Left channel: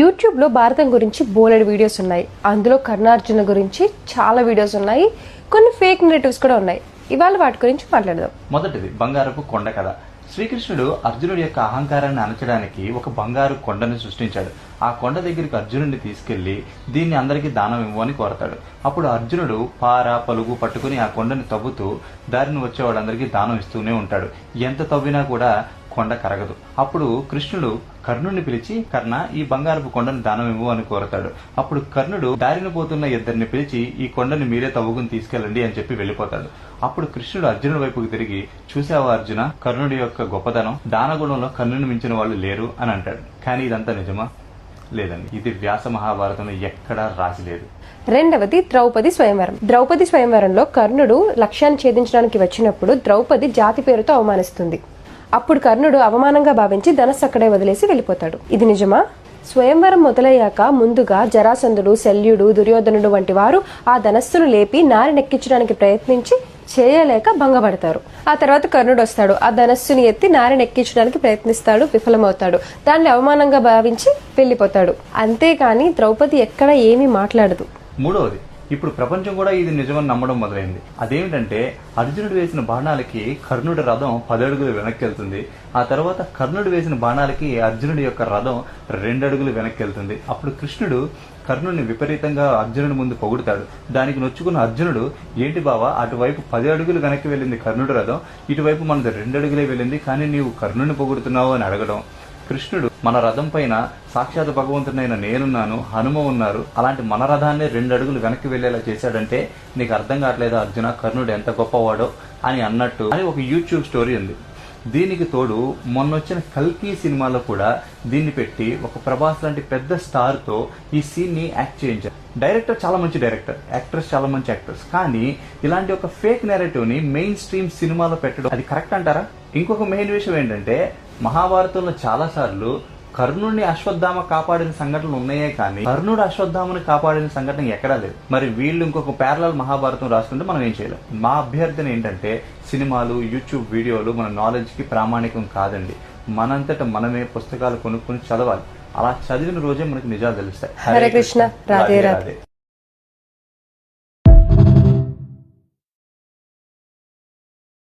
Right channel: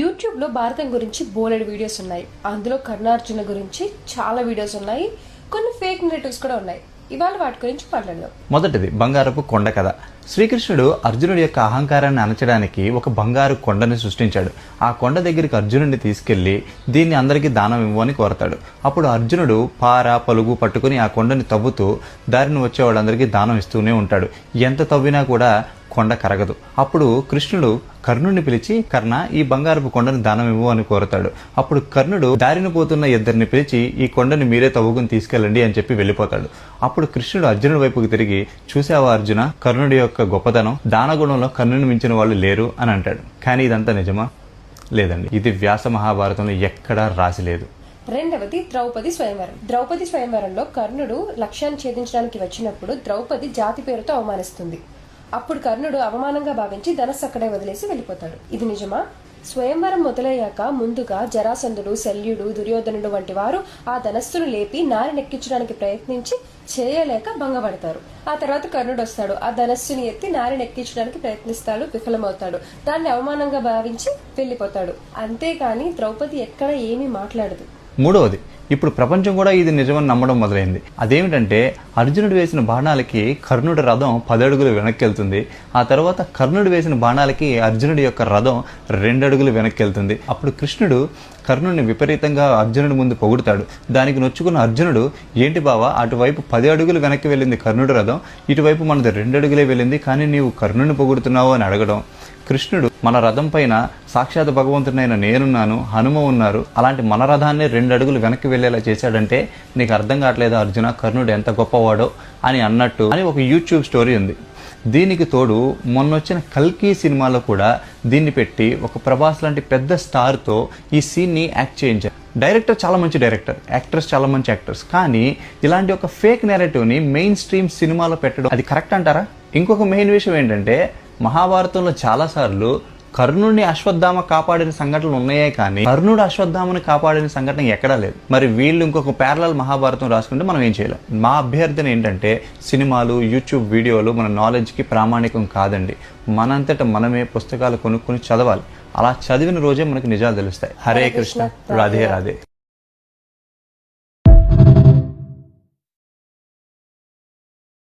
యూట్యూబ్లో భారతం గురించి బోలెడు వీడియోస్ ఉన్నాయి. అందులో కర్ణార్జున గురించి చాలా వీడియోస్ ఉన్నాయి. కొన్ని ఫేక్ నెరేటివ్స్ కూడా ఉన్నాయి. ఇవాళ వాటి గురించి మాట్లాడదాం. మొదటిది బంగారపు కొండ కథ. శ్రీకృష్ణుడు అర్జునుడి యొక్క అహంకారాన్ని అణచడానికి ఒక బంగారు కొండని సృష్టించాడు. ఆ కొండ దగ్గరికి అర్జునుడిని తీసుకెళ్లి దీన్ని అందరికీ దానం ఇవ్వని కోరతాడు. అప్పుడు అర్జునుడు పార పలుగు పట్టుకుని ఆ కొండని తవ్వుతూ దారిని వచ్చే వాళ్ళందరికీ దానం ఇస్తూనే ఉంటాడు. ఎంత తవ్వినా కూడా కొండ కరగదు. అప్పుడు కృష్ణుడు కర్ణుడిని పిలిచి, కర్ణ, ఈ బంగారపు కొండను దానం ఇవ్వు అని కోరతాడు. అప్పుడు కర్ణుడు దారిన పోతున్న ఇద్దరిని పిలిచి, ఈ కొండని మీరే తవ్వుకుని తీసుకెళ్ళండి అని చెప్పి వెళ్ళిపోతాడు. అప్పుడు కృష్ణుడు అర్జునుడి వైపుకి తిరిగి, చూసావా అర్జున, కర్ణుడి యొక్క గొప్పతనం, దానగుణంలో కర్ణుని మించిన వాళ్ళు లేరు అని అంటాడు. కానీ ఇదంతా నిజమా? లేదండి. ఇది వ్యాస మహాభారతంలో ఎక్కడా రాసి లేదు. రెండవది ద్రౌపది స్వయంవరం. ద్రౌపది స్వయంవరంలో కర్ణుడు లక్ష్యాన్ని ఛేదించడానికి వచ్చినప్పుడు ద్రౌపది జాతి పేరుతో అవమానిస్తుంది. అప్పుడు కర్ణుడు అవమానంగా భావించి ధనస్సు అక్కడే వదిలేసి వెళ్ళిపోతాడు. ఇది నిజమా? స్వయంవరం మొదలయ్యాక ముందుగా జరాసంధుడు, శల్యుడు, దుర్యోధనుడు వంటి వారు ఆ ధనస్సును లేపి నారినెక్కించడానికి ప్రయత్నించి చేయలేక భంగపడతారు. ఆ తర్వాత కర్ణుడు వస్తాడు. ఆ ధనస్సుని ఎత్తి నారినెక్కించడానికి ప్రయత్నిస్తాడు, విఫలమవుతాడు. దాన్ని అవమానంగా భావించి వెళ్ళిపోతాడు. అంతేకాని ద్రౌపది ఎక్కడ ఏమీ మాట్లాడదు. మూడవది, ఇప్పుడు ప్రపంచం కూడా ఇది నిజమని నమ్మడం మొదలైంది. అదేమిటంటే, అర్జునుడు వేసిన బాణాలకి కర్ణుడి రథం 10 అడుగులు వెనక్కి వెళ్తుంది. ఆ తర్వాత కర్ణుడు వేసిన బాణాలకి అర్జునుడి యొక్క రథం 2 అడుగులు వెనక్కి వెళ్తుంది. అప్పుడు కృష్ణుడు కర్ణుడిని విపరీతంగా అర్జునుడి ముందు పొగుడుతాడు. దానికి నొచ్చుకున్న అర్జునుడు, ఏంటి బావా, అటువైపు 10 అడుగులు వెనక్కి వెళ్ళింది కర్ణుడి రథం, ఇటువైపు మనది 2 అడుగులే వెళ్ళింది, కానీ నీవు కర్ణుడిని పొగుడుతున్నావు అని అడగడం. కృష్ణుడు, మన రథం పైన సాక్షాత్ భగవంతుడైన నేనున్నాను, హనుమ ఉన్నారు, అలాంటి మన రథాన్ని 2 అడుగులు వెనక్కి వెళ్ళేలా చేశాడంటే నీకు అర్థం కావట్లేదు అర్జున, కర్ణుడు ఎంత గొప్పవాడో అని అన్నట్టు అని ఒక యూట్యూబ్ స్టోరీ ఉంది. దీనికి తోడు మొన్నొచ్చిన కల్కి సినిమాలో కూడా దీన్ని పెట్టి ఒక ప్రభాస్ లాంటి పెద్ద స్టార్తో ఈ సీన్ని యాక్ట్ చేయించారు. డైరెక్టర్ చాలా మంచి డైరెక్టర్, యాక్టర్స్ చాలా మంచి యాక్టర్స్, కానీ ఇలాంటి ఒక ఫేక్ నెరేటివ్ని మెయిన్ స్ట్రీమ్ సినిమాలో పెట్టడం అది కరెక్ట్ అంటారా? ఇంకొక మెయిన్ విషయం ఏంటంటే, మహాభారతంలో చాలాసార్లు కర్ణుడిని అశ్వత్థామ కాపాడిన సంఘటనలు ఉన్నాయే కానీ కర్ణుడు అశ్వత్థామని కాపాడిన సంఘటన ఎక్కడా లేదు. మరి వీళ్ళు ఇంకొక ప్యారలల్ మహాభారతం రాసుకుంటే మనం ఏం చేయలేం. మా అభ్యర్థన ఏంటంటే, సినిమాలు, యూట్యూబ్ వీడియోలు మన నాలెడ్జ్కి ప్రామాణికం కాదండి. మనంతట మనమే పుస్తకాలు కొనుక్కొని చదవాలి. అలా చదివిన రోజే మనకు నిజాలు తెలుస్తాయి. హరే కృష్ణ, రాధే రాధే.